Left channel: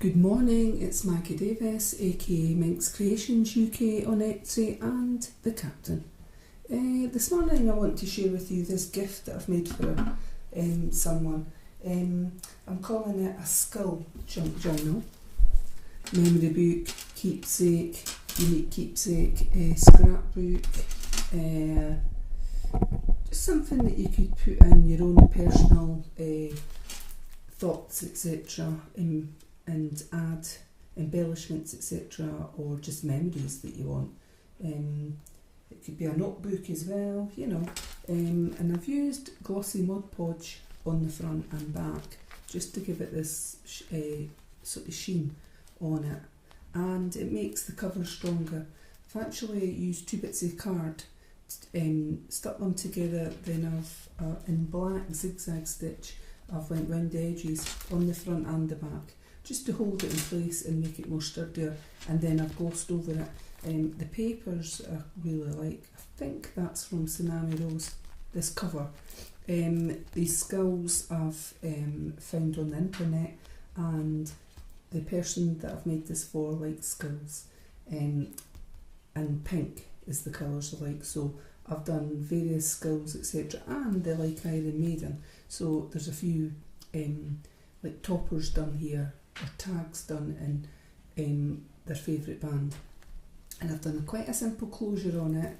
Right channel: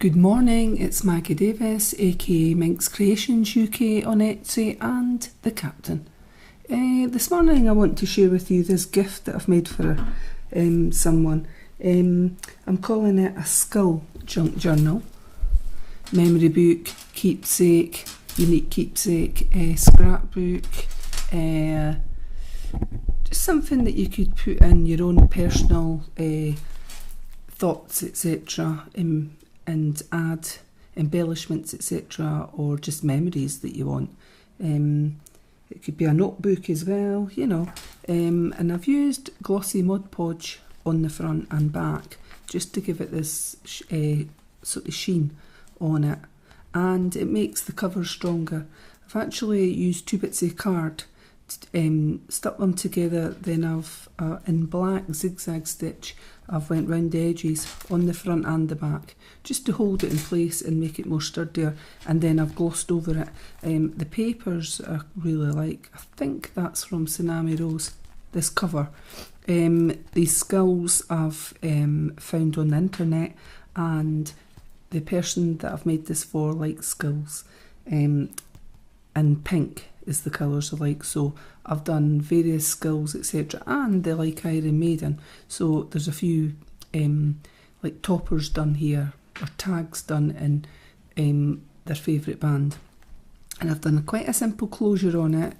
Good morning, it's Maggie Davis, aka MinxCreationsUK on Etsy and the Captain. This morning I want to share with you this gift that I've made for someone. I'm calling it a skull junk journal. Memory book, keepsake, unique keepsake, scrapbook, just something that you could put in your own personal thoughts, etc. And add embellishments, etc., or just memories that you want. It could be a notebook as well, you know. And I've used glossy Mod Podge on the front and back just to give it this sort of sheen on it, and it makes the cover stronger. I've actually used 2 bits of card, stuck them together, then I've in black zigzag stitch I've went round the edges on the front and the back just to hold it in place and make it more sturdier, and then I've glossed over it. The papers I really like. I think that's from Tsunami Rose, this cover. These skulls I've found on the internet, and the person that I've made this for likes skulls, and pink is the colours I like, so I've done various skulls, etc., and they like Iron Maiden, so there's a few like toppers done here, or tags done in their favourite band. And I've done quite a simple closure on it.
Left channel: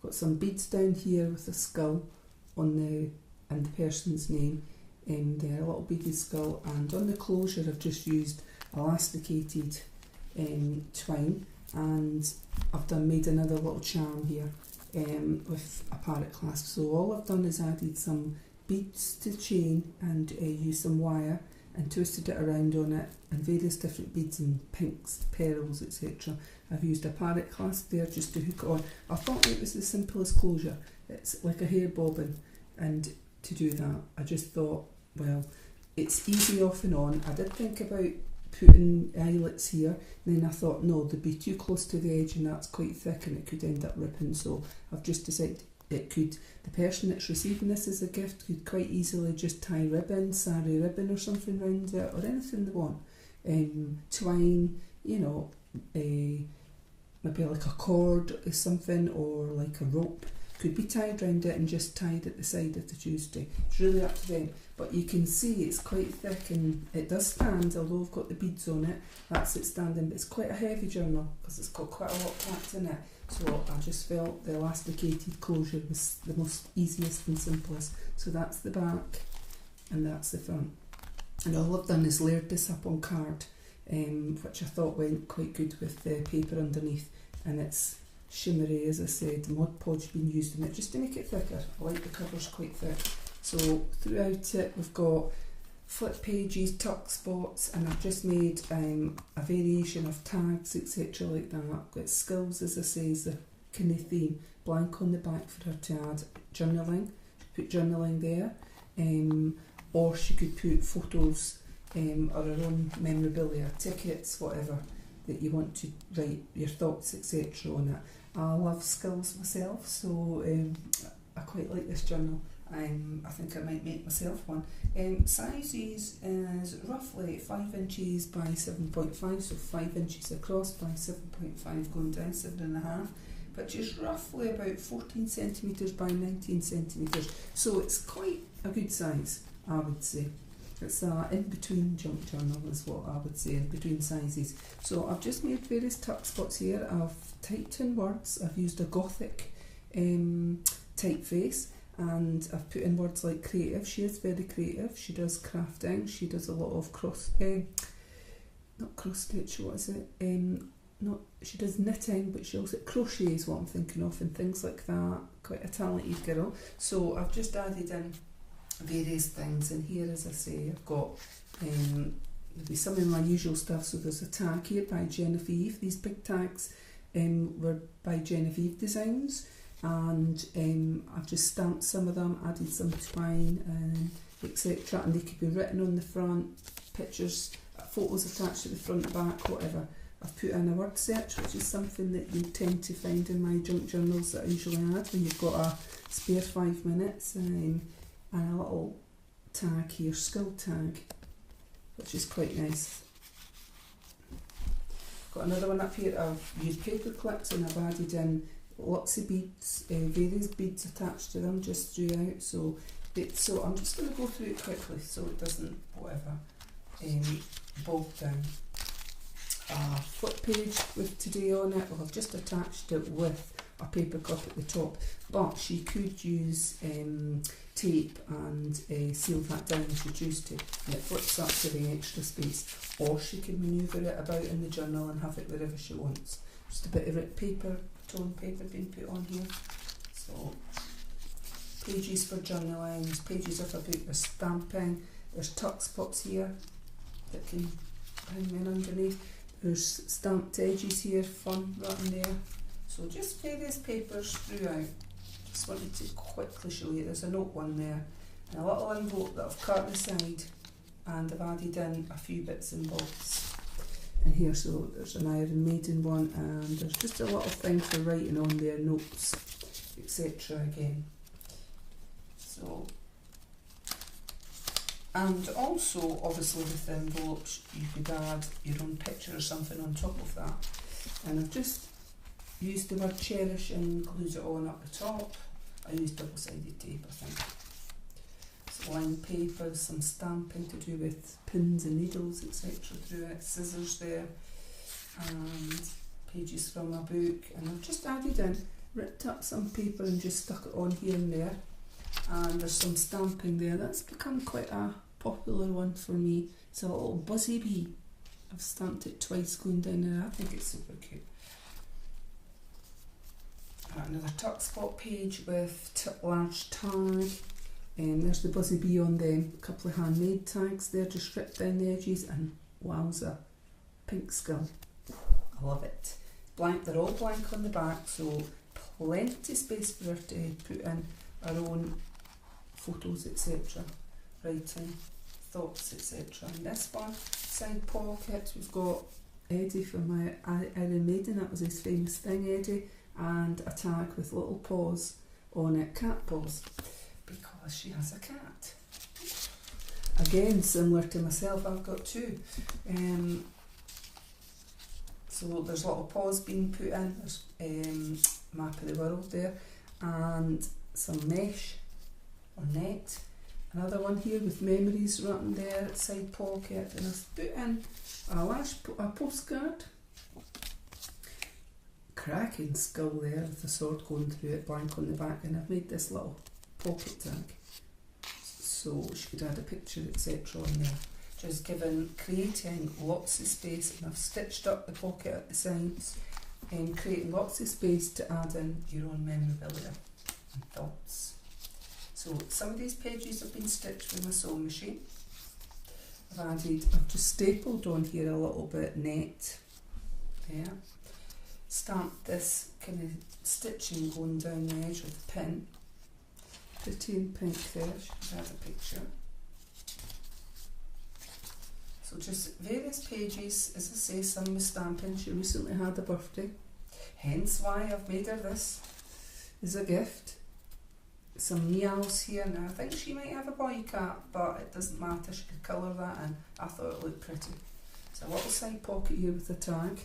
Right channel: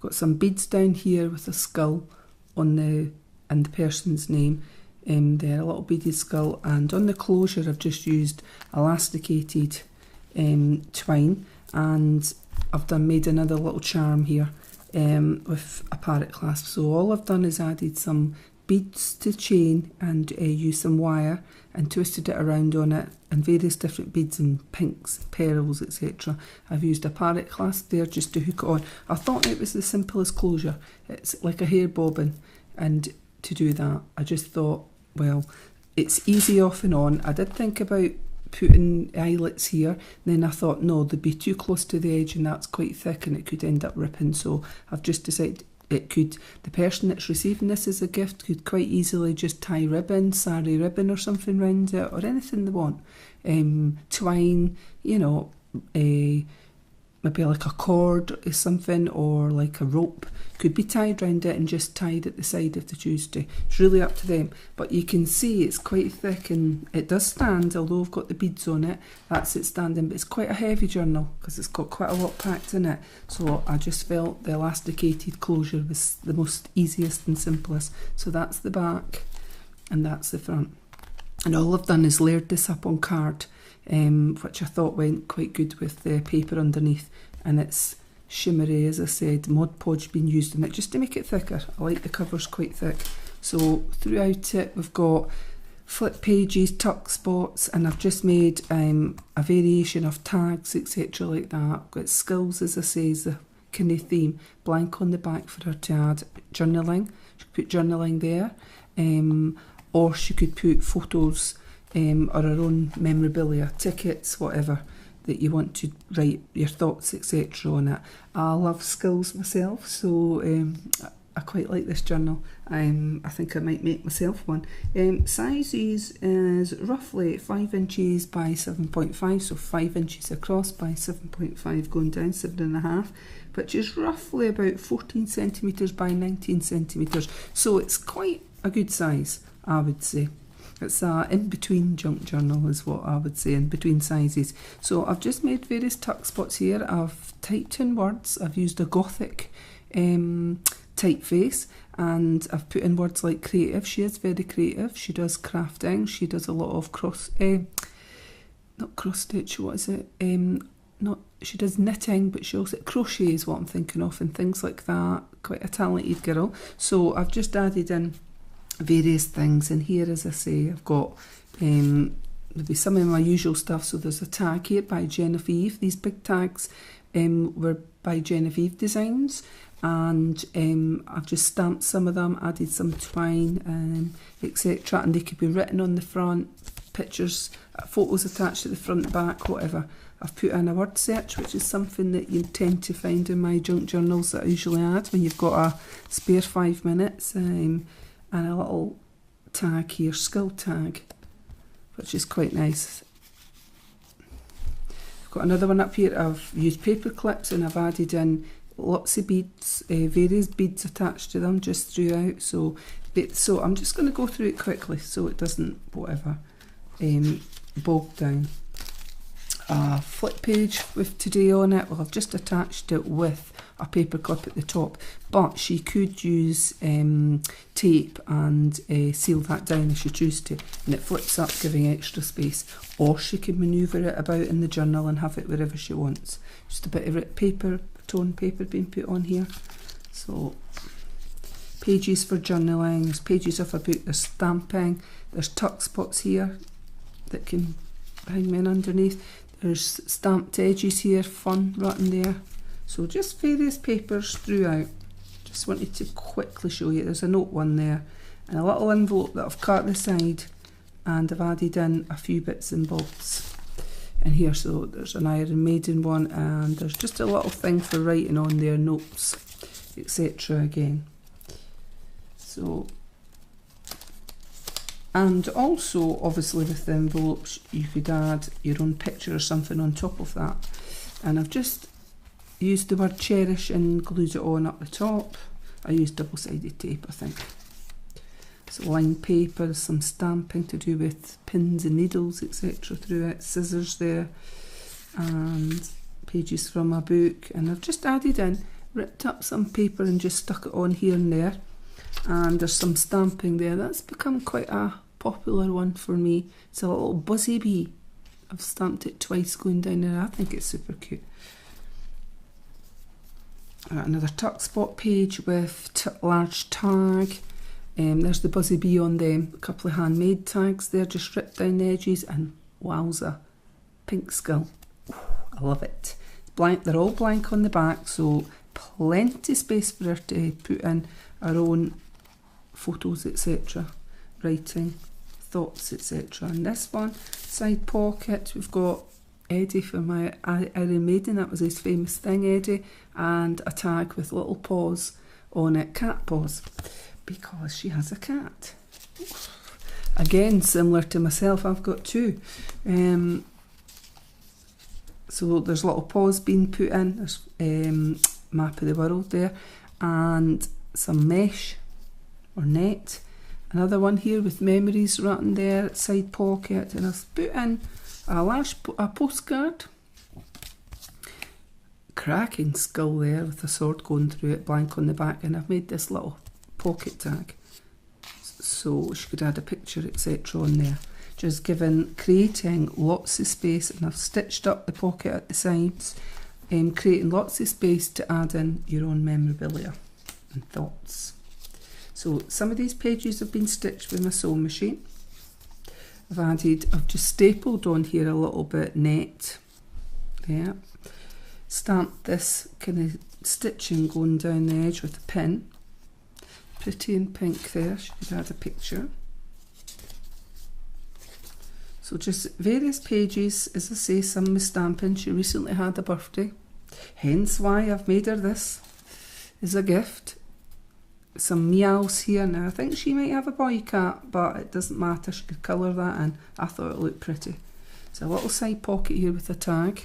Got some beads down here with a skull on and the person's name. There, a little beaded skull, and on the closure I've just used elasticated twine, and I've made another little charm here with a parrot clasp. So all I've done is added some beads to chain and used some wire and twisted it around on it, and various different beads and pinks, pearls, etc. I've used a parrot clasp there just to hook it on. I thought it was the simplest closure. It's like a hair bobbin, and to do that I just thought, well, it's easy off and on. I did think about putting eyelets here, then I thought no, they'd be too close to the edge and that's quite thick and it could end up ripping, so I've just decided the person that's receiving this as a gift could quite easily just tie ribbon, sari ribbon or something round it, or anything they want. Twine, you know, maybe like a cord or something, or like a rope could be tied round it and just tied at the side if they choose to. It's really up to them, but you can see it's quite thick and it does stand, although I've got the beads on it. That's it standing, but it's quite a heavy journal because it's got quite a lot packed in it, so I just felt the elasticated closure was the most easiest and simplest. So that's the back and that's the front, and all I've done is layered this up on card, which I thought went quite good with the paper underneath, and it's shimmery, as I said. Mod Podge been used in it just to make it thicker. I like the covers quite thick. So throughout it we've got flip pages, tuck spots, and I've just made a variation of tags, etc. like that. I've got skulls, as I say, is the kind of theme. Blank on the back for her to add journaling. She could put journaling there, or she could put photos or her own memorabilia, tickets, whatever that you want to write your thoughts, etc. on it. I love skulls myself, so I quite like this journal. I think I might make myself one. Sizes is roughly 5 inches by 7.5, so 5 inches across by 7.5 going down, 7.5, which is roughly about 14 centimetres by 19 centimetres. So it's quite a good size, I would say. It's a in-between junk journal is what I would say, in between sizes. So I've just made various tuck spots here. I've typed in words. I've used a Gothic typeface, and I've put in words like creative. She is very creative. She does crafting. She does a lot of not cross stitch, what is it? She does knitting, but she also crochet is what I'm thinking of, and things like that. Quite a talented girl. So I've just added in various things in here. As I say, I've got maybe some of my usual stuff. So there's a tag here by Genevieve. These big tags were by Genevieve Designs, and I've just stamped some of them, added some twine, etc., and they could be written on the front, pictures, photos attached at the front, back, whatever. I've put in a word search, which is something that you tend to find in my junk journals that I usually add when you've got a spare 5 minutes, and a little tag here, skill tag, which is quite nice. Got another one up here. I've used paper clips and I've added in lots of beads, various beads attached to them just throughout. So I'm just going to go through it quickly so it doesn't whatever bog down. A flip page with today on it. Well, I've just attached it with a paper clip at the top, but she could use tape and seal that down if she chooses to, and it flips up, giving extra space. Or she could manoeuvre it about in the journal and have it wherever she wants. Just a bit of paper, tone paper being put on here. So pages for journaling, there's pages of a book, there's stamping, there's tuck spots here that can hang in underneath. There's stamped edges here, fun written there. So just various papers throughout. Just wanted to quickly show you. There's a note one there and a little envelope that I've cut the side, and I've added in a few bits and bobs in here. So there's an Iron Maiden one, and there's just a little thing for writing on there, notes, etc. again. So, and also obviously with the envelopes you could add your own picture or something on top of that. And I've just used the word cherish and glued it on up the top. I used double-sided tape, I think. So lined paper, some stamping to do with pins and needles, etc. through it, scissors there, and pages from a book. And I've just added in, ripped up some paper and just stuck it on here and there. And there's some stamping there. That's become quite a popular one for me. It's a little buzzy bee. I've stamped it twice going down there. I think it's super cute. Another tuck spot page with large tag. There's the buzzy bee on them. A couple of handmade tags there, just ripped down the edges, and wowza, pink skull. I love it. Blank. They're all blank on the back, so plenty space for her to put in our own photos, etc. Writing, thoughts, etc. And this one, side pocket, we've got Eddie from my Iron Maiden. That was his famous thing, Eddie. And a tag with little paws on it, cat paws, because she has a cat. Again, similar to myself, I've got two. So there's little paws being put in. There's map of the world there, and some mesh or net. Another one here with memories written there, side pocket, and I've put in a postcard. Cracking skull there with a sword going through it, blank on the back, and I've made this little pocket tag so she could add a picture, etc. on there, just creating lots of space. And I've stitched up the pocket at the sides, creating lots of space to add in your own memorabilia and thoughts. So some of these pages have been stitched with my sewing machine. I've just stapled on here a little bit net there. Stamped this kind of stitching going down the edge with a pin. Pretty in pink there, she could add a picture. So just various pages, as I say, some with stamping. She recently had a birthday, hence why I've made her this as a gift. Some meows here. Now I think she might have a boy cat, but it doesn't matter, she could colour that in. I thought it looked pretty. So a little side pocket here with a tag.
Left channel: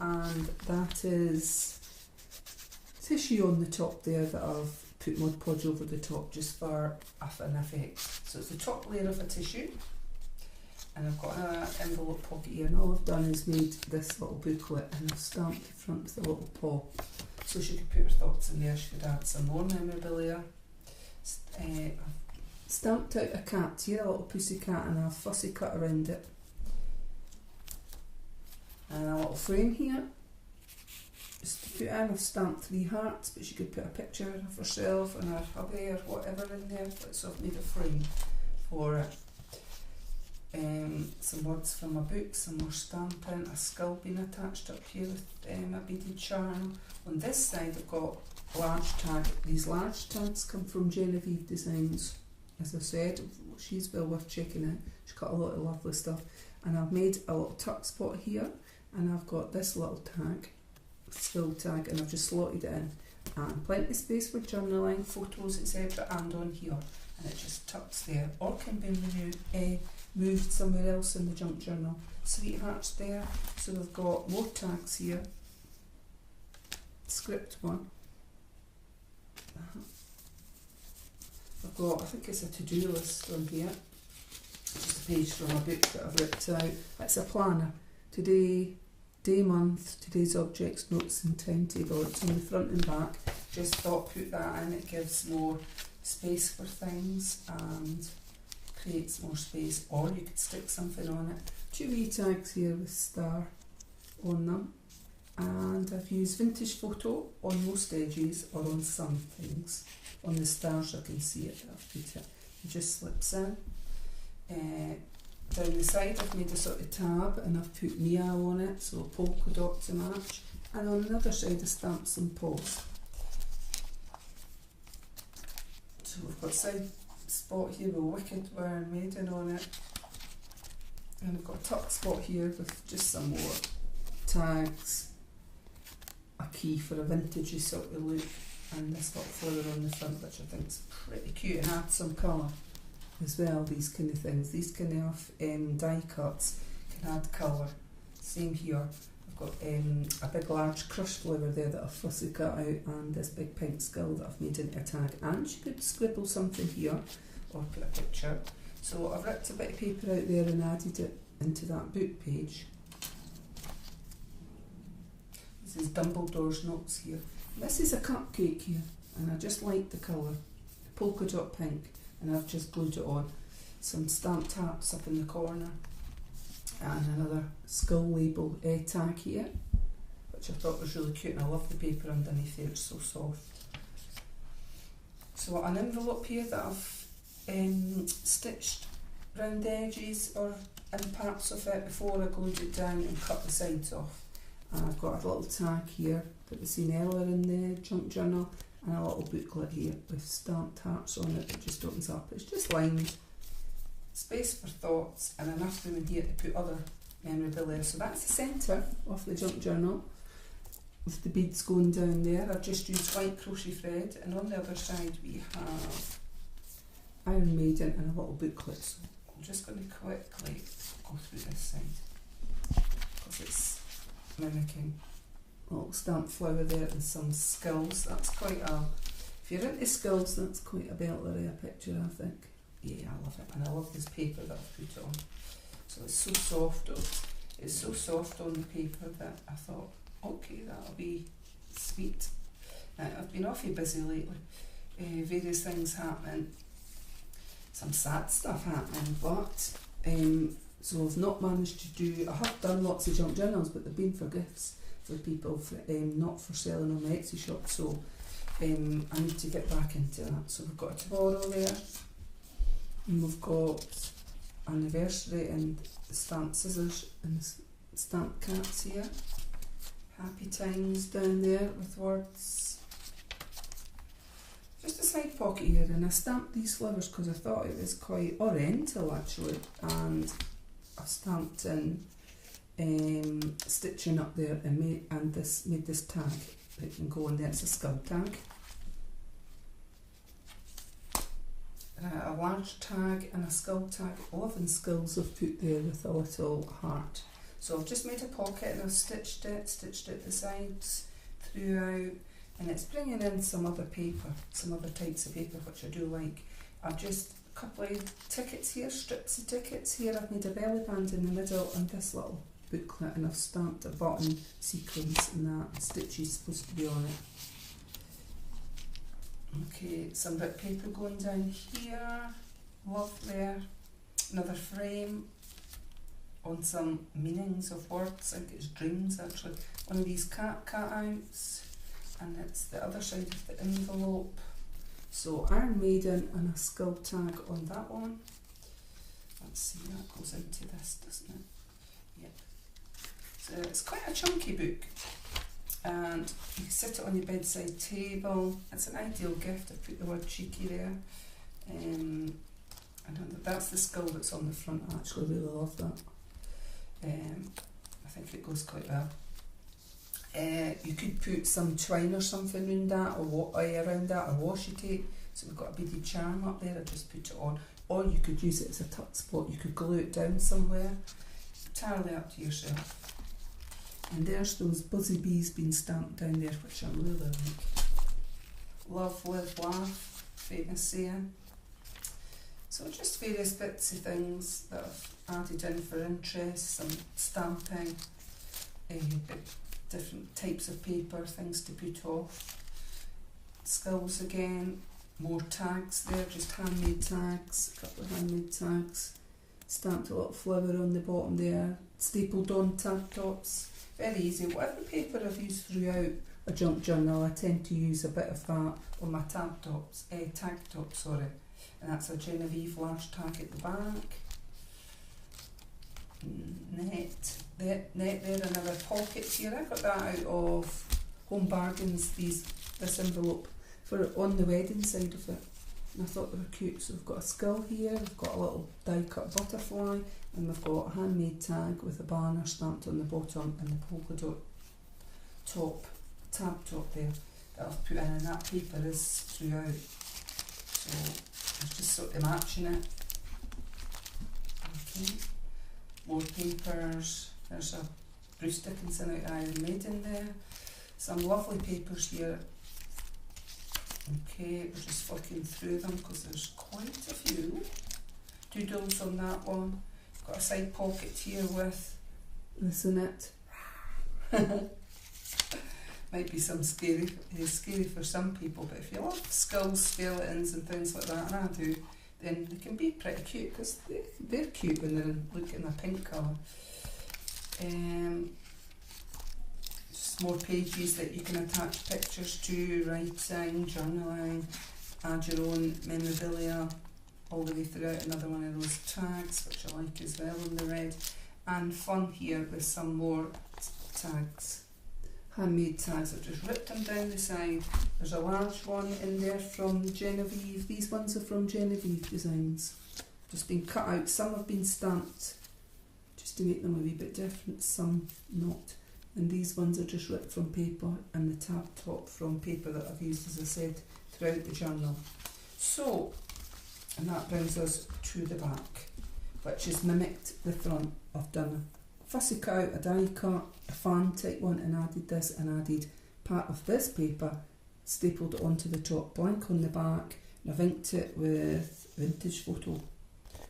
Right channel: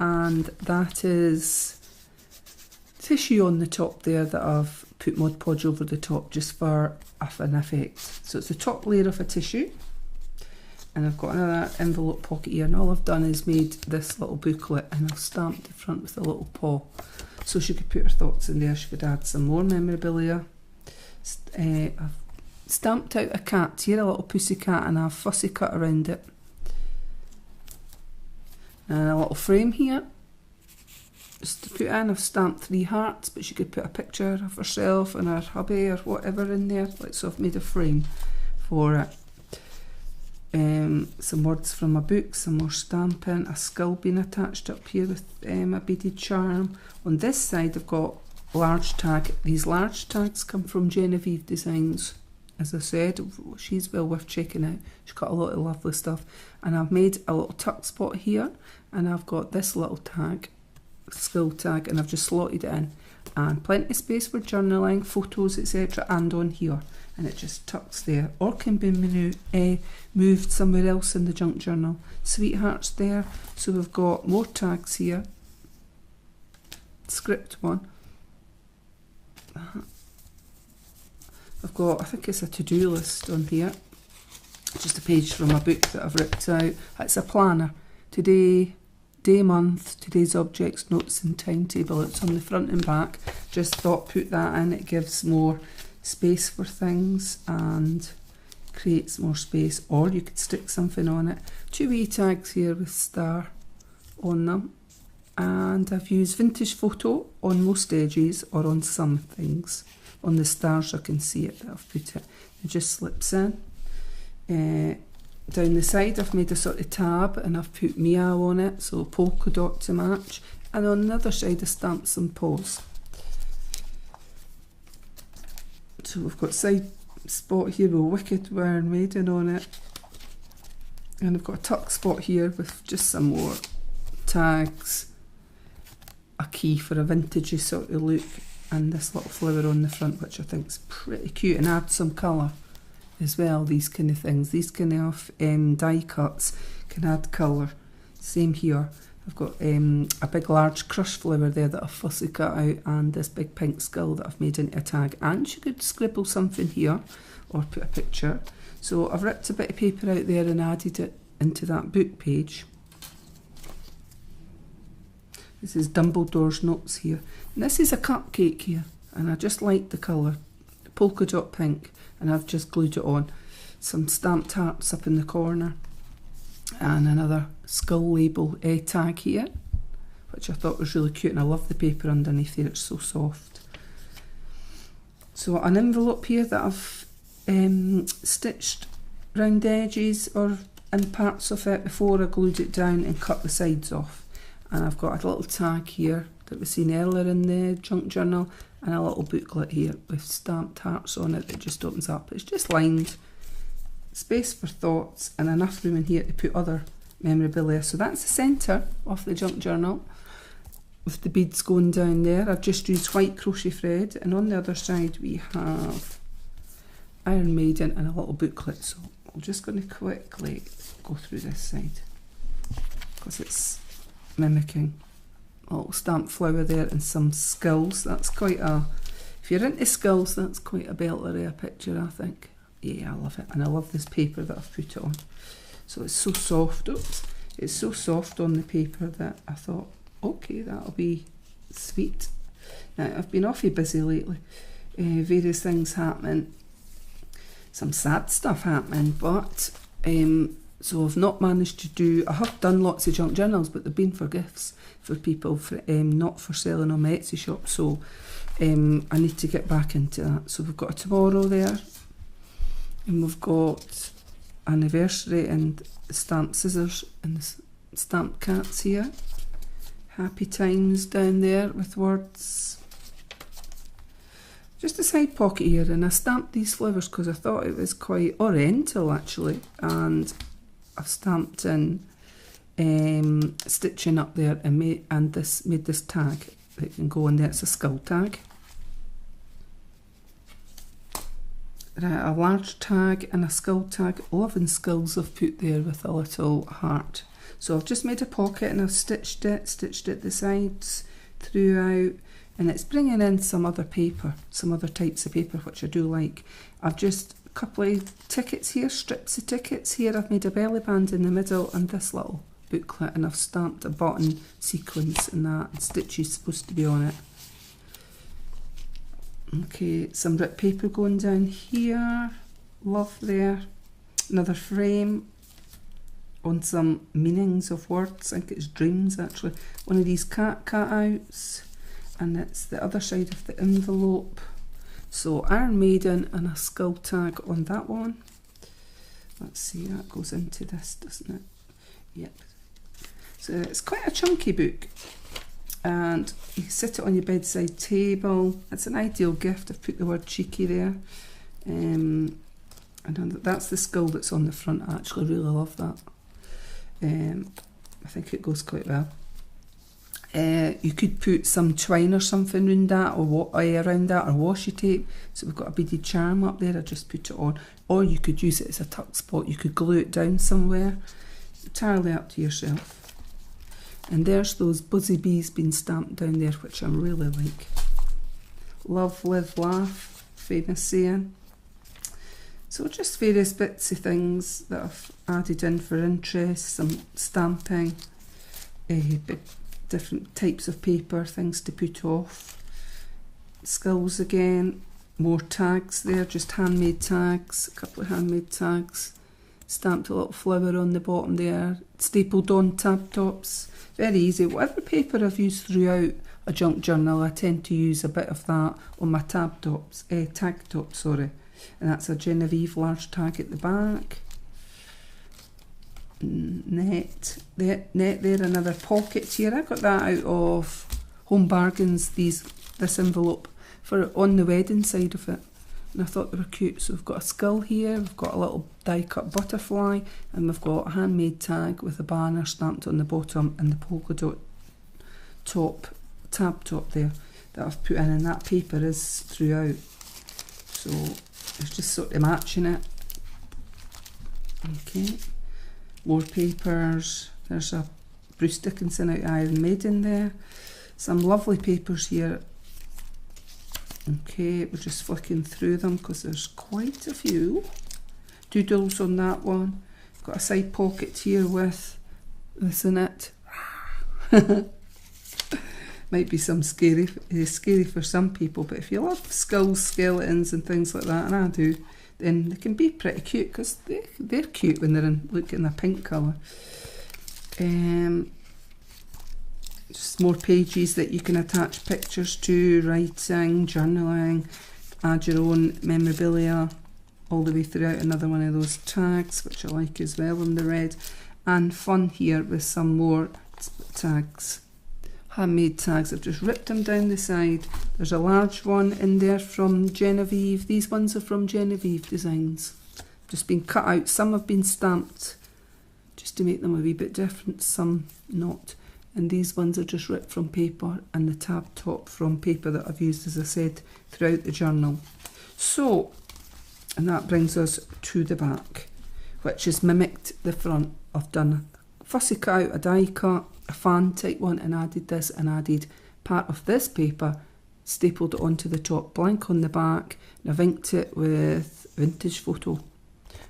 And that is tissue on the top there that I've put Mod Podge over the top just for an effect. So it's the top layer of a tissue, and I've got another envelope pocket here, and all I've done is made this little booklet, and I've stamped the front with a little paw so she could put her thoughts in there. She could add some more memorabilia. I've stamped out a cat here, a little pussy cat, and I've fussy cut around it. And a little frame here, just to put in. I've stamped 3 hearts, but she could put a picture of herself and her hubby or whatever in there. So I've made a frame for it. Some words from a book, some more stamping, a skull being attached up here with a beaded charm. On this side I've got large tag. These large tags come from Genevieve Designs. As I said, she's well worth checking out. She's got a lot of lovely stuff. And I've made a little tuck spot here, and I've got this little tag, skull tag, and I've just slotted it in. And plenty of space for journaling, photos, etc. and on here. And it just tucks there, or can be moved somewhere else in the junk journal. Sweethearts there. So we've got more tags here. Script one. I've got, I think it's a to-do list on here. Just a page from a book that I've ripped out. It's a planner. Today, day, month, today's objects, notes and timetable. It's on the front and back. Just thought put that in. It gives more space for things and creates more space. Or you could stick something on it. 2 wee tags here with star on them. And I've used vintage photo on most edges or on some things. On the stars I can see it that I've put it. It just slips in. Down the side I've made a sort of tab and I've put meow on it, so polka dot to match. And on the other side I stamped some paws. So we've got side spot here with Wicked Iron Maiden on it. And I've got a tuck spot here with just some more tags. A key for a vintagey sort of look. And this little flower on the front, which I think is pretty cute, and add some colour as well. These kind of things, these kind of die cuts can add colour. Same here. I've got a big large crush flower there that I've fussy cut out, and this big pink skull that I've made into a tag. And you could scribble something here or put a picture. So I've ripped a bit of paper out there and added it into that book page. This is Dumbledore's notes here. And this is a cupcake here, and I just like the colour, polka dot pink, and I've just glued it on. Some stamped hearts up in the corner, and another skull label tag here, which I thought was really cute, and I love the paper underneath here, it's so soft. So an envelope here that I've stitched round the edges or in parts of it before I glued it down and cut the sides off. And I've got a little tag here that was seen earlier in the junk journal, and a little booklet here with stamped hearts on it that just opens up. It's just lined, space for thoughts, and enough room in here to put other memorabilia. So that's the centre of the junk journal with the beads going down there. I've just used white crochet thread, and on the other side we have Iron Maiden and a little booklet. So I'm just going to quickly go through this side because it's mimicking a little stamped flower there and some skulls. That's quite a, if you're into skulls, that's quite a belter of a picture, I think. Yeah, I love it, and I love this paper that I've put it on. So it's so soft. Oops, it's so soft on the paper that I thought, okay, that'll be sweet. Now I've been awfully busy lately, various things happening, some sad stuff happening, but so I've not managed to do, I have done lots of junk journals, but they've been for gifts for people, for, not for selling on my Etsy shop. So I need to get back into that. So we've got a tomorrow there, and we've got anniversary and stamped scissors and stamped cats here. Happy times down there with words. Just a side pocket here, and I stamped these flowers because I thought it was quite oriental actually, and I've stamped in stitching up there and made this tag that can go in there. It's a skull tag. Right, a large tag and a skull tag. 11 skulls I've put there with a little heart. So I've just made a pocket and I've stitched it the sides throughout, and it's bringing in some other paper, some other types of paper which I do like. I've just a couple of tickets here, strips of tickets here. I've made a belly band in the middle and this little booklet, and I've stamped a button sequence and that, and stitches supposed to be on it. Okay, some ripped paper going down here, love there. Another frame on some meanings of words, I think it's dreams actually. One of these cat cutouts, and it's the other side of the envelope. So Iron Maiden and a skull tag on that one. Let's see, that goes into this, doesn't it? Yep. So it's quite a chunky book, and you can sit it on your bedside table. It's an ideal gift. I've put the word cheeky there. And that's the skull that's on the front. I actually really love that. I think it goes quite well. You could put some twine or something around that, or around that, or washi tape. So we've got a beaded charm up there, I just put it on. Or you could use it as a tuck spot, you could glue it down somewhere. Entirely up to yourself. And there's those buzzy bees being stamped down there, which I really like. Love, live, laugh, famous saying. So just various bits of things that I've added in for interest, some stamping, different types of paper, things to put off. Skulls again, more tags there, just handmade tags, a couple of handmade tags. Stamped a little flower on the bottom there, stapled on tab tops. Very easy. Whatever paper I've used throughout a junk journal, I tend to use a bit of that on my tag tops, sorry. And that's a Genevieve large tag at the back. Net there, another pocket here. I got that out of Home Bargains, this envelope, for on the wedding side of it. And I thought they were cute. So we've got a skull here, we've got a little die cut butterfly, and we've got a handmade tag with a banner stamped on the bottom and the polka dot top, tab top there that I've put in, and that paper is throughout. So it's just sort of matching it. Okay, more papers. There's a Bruce Dickinson out of Iron Maiden there. Some lovely papers here. Okay, we're just flicking through them because there's quite a few. Doodles on that one. Got a side pocket here with this in it. Might be some scary for some people, but if you love skulls, skeletons and things like that, and I do, then they can be pretty cute, because they're cute when they're in a pink colour. Just more pages that you can attach pictures to, writing, journaling, add your own memorabilia all the way throughout. Another one of those tags, which I like as well in the red. And fun here with some more tags. Handmade tags. I've just ripped them down the side. There's a large one in there from Genevieve. These ones are from Genevieve Designs. Just been cut out. Some have been stamped just to make them a wee bit different, some not. And these ones are just ripped from paper, and the tab top from paper that I've used, as I said, throughout the journal. So, and that brings us to the back, which has mimicked the front. I've done a fussy cut out, a die cut, a fan type one, and added this, and added part of this paper, stapled it onto the top, blank on the back, and I've inked it with Vintage Photo.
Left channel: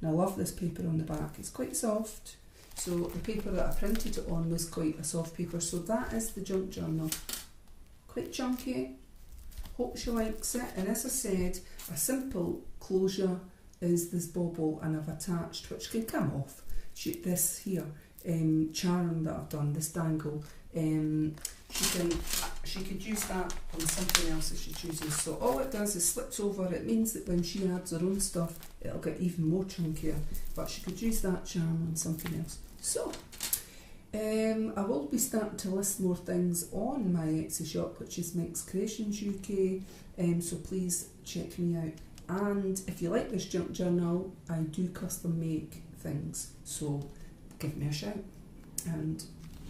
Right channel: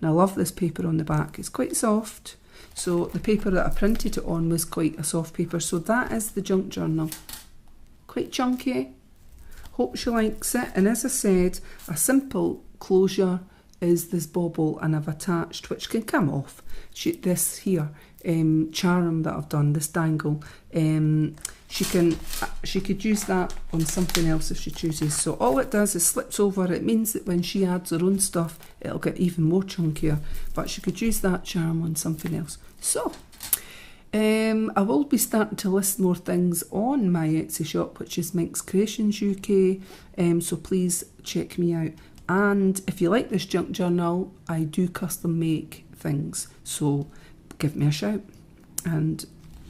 And I love this paper on the back. It's quite soft. So the paper that I printed it on was quite a soft paper. So that is the junk journal. Quite chunky. Hope she likes it. And as I said, a simple closure is this bauble, and I've attached, which can come off, this here charm that I've done, this dangle. She could use that on something else if she chooses. So all it does is slips over. It means that when she adds her own stuff, it'll get even more chunkier. But she could use that charm on something else. So I will be starting to list more things on my Etsy shop, which is MinxCreationsUK. So please check me out. And if you like this junk journal, I do custom make things. So give me a shout, and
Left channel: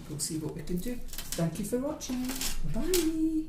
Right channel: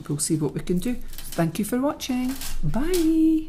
we'll see what we can do. Thank you for watching. Bye.